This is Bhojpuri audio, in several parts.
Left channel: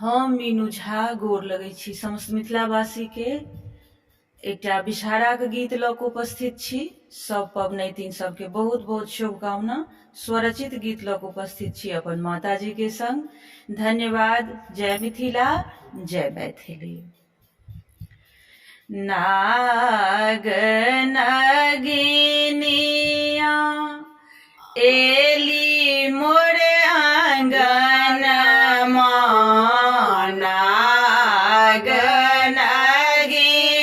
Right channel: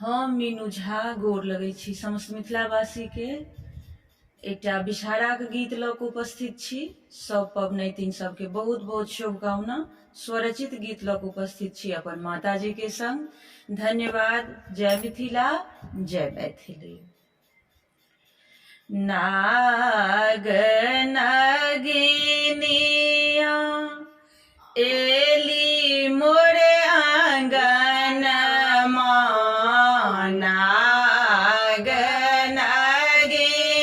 हम मीनू झा गोर लगै छी समस्त मिथिलावासी के एकटा विषहाराक गीत लऽ कऽ उपस्थित छी। सब पबनैतिन सबके बहुत बहुत शुभकामना। स्वरचित गीत लऽ कऽ उपस्थित छी अपन माताजी के संग। धन्यवाद। जय मिथिला, जय मैथिली। नाग नगिनिया एली मोरे आंगन मां, नाग नगिनिया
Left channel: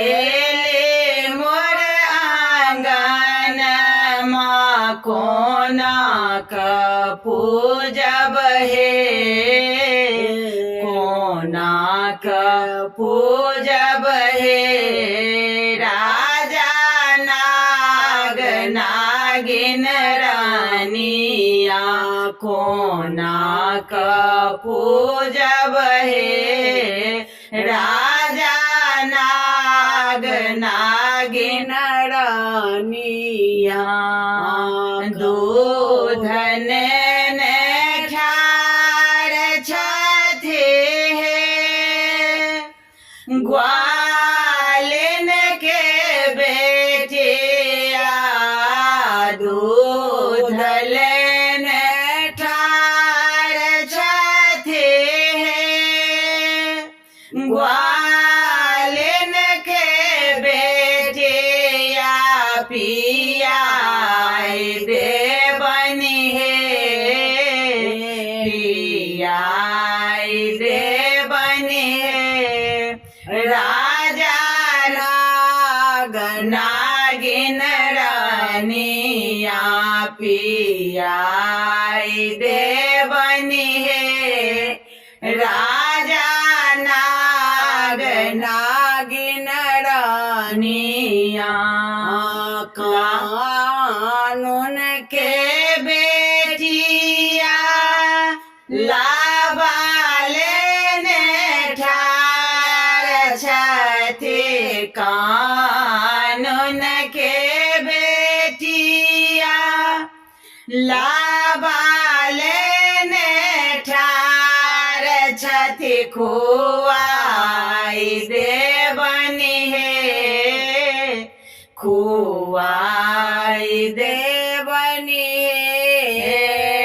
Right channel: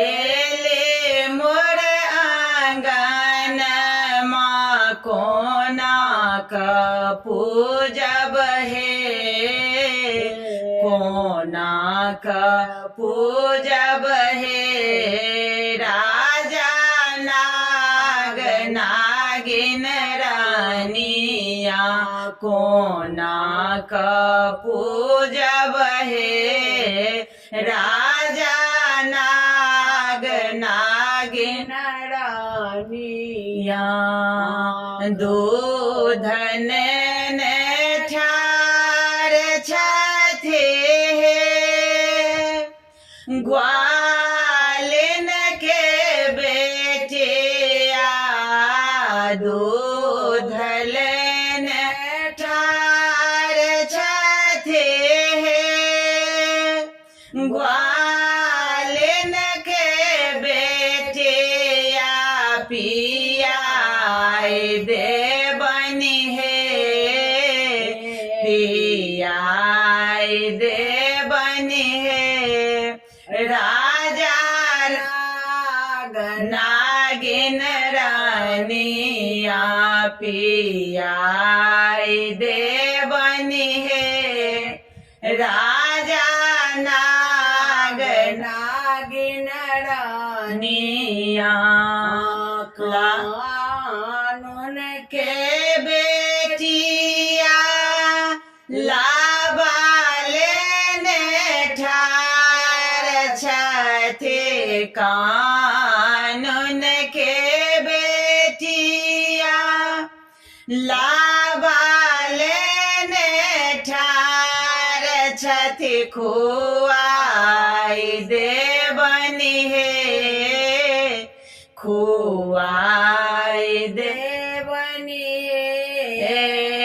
एली मोरे आंगन मां, कोना क पूजब हे, कोना क पूजब हे। राजा नाग नागिन रानिया, कोना क पूजब हे। राजा नाग नागिन रानिया, दूध ने ठार छथि ग्वालिन के बेटिया, दूध लेने ठार छथि ग्वालिन के बेटिया, पियाई देबनि हे, पियाई देबनि हे। राजा नाग नागिन रानिया, पियाई देबनि हे। राजा नाग नागिन रानिया, कानून के बेटिया लाबा लेने ठार छथि, कानून के बेटिया लाबा लेने ठार छथि, खुआई देबनि हे, खुआई देबनि हे।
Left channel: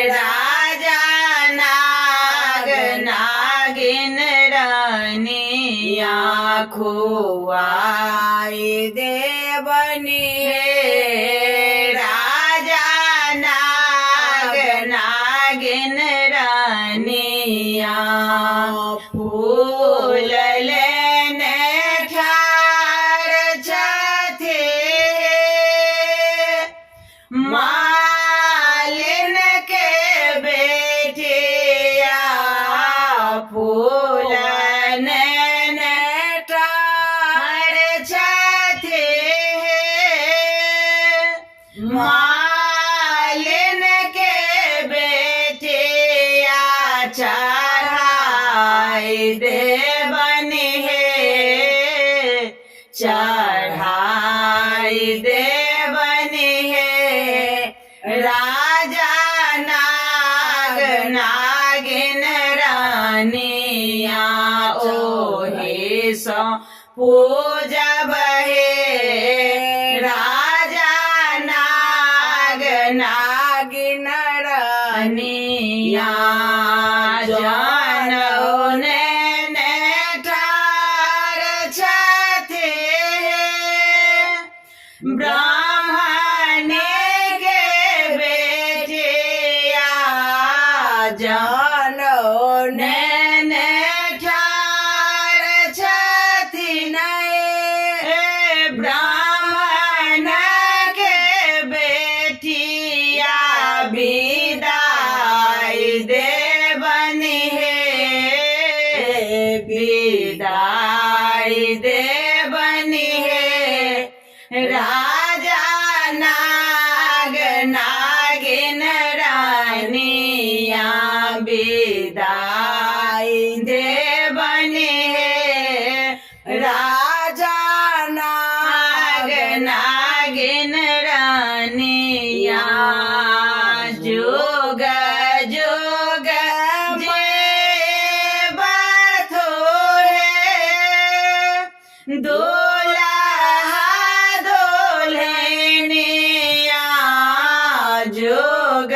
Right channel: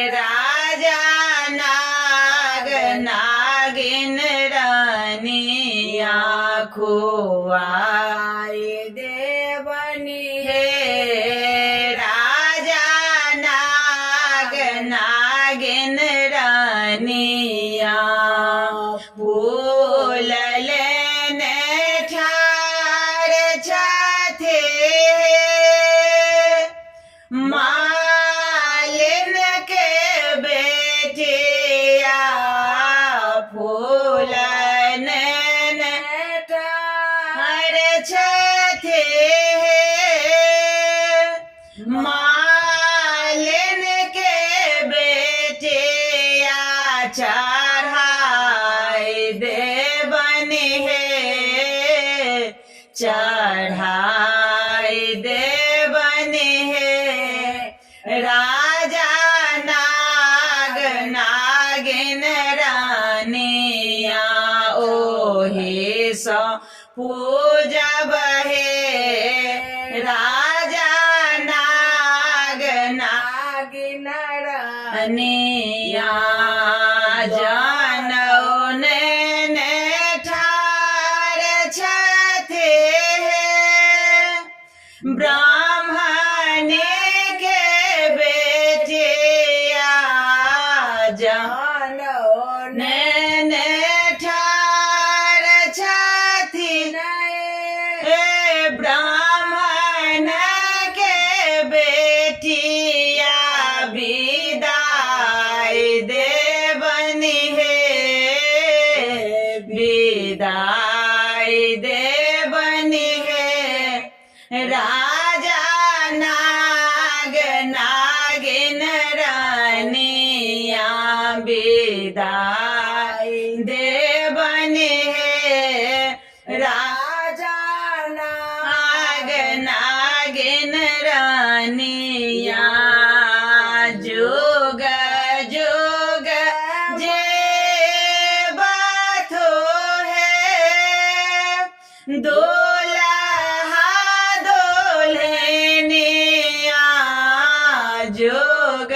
राजा नाग नागिन रानिया, खुआई देबनि हे। राजा नाग नागिन रानिया, फूल लेने ठार छथि मालिन के बेटिया, फूल लेने ठार छथि मालिन के बेटिया, चढ़ाई देबनि हे, चढ़ाई देबनि हे। राजा नाग नागिन रानिया, ओहि सँ पूजब हे। राजा नाग नागिन रानिया, जनौ ने ठार छथि ब्राह्मणी के बेटिया, जनौ ने ठार छथि ब्राह्मण के बेटिया, विदाई देबनि हे, विदाई देबनि हे। राजा नाग नागिन रानिया, विदाई देबनि हे। राजा नाग नागिन रानिया, जुग जुग जोग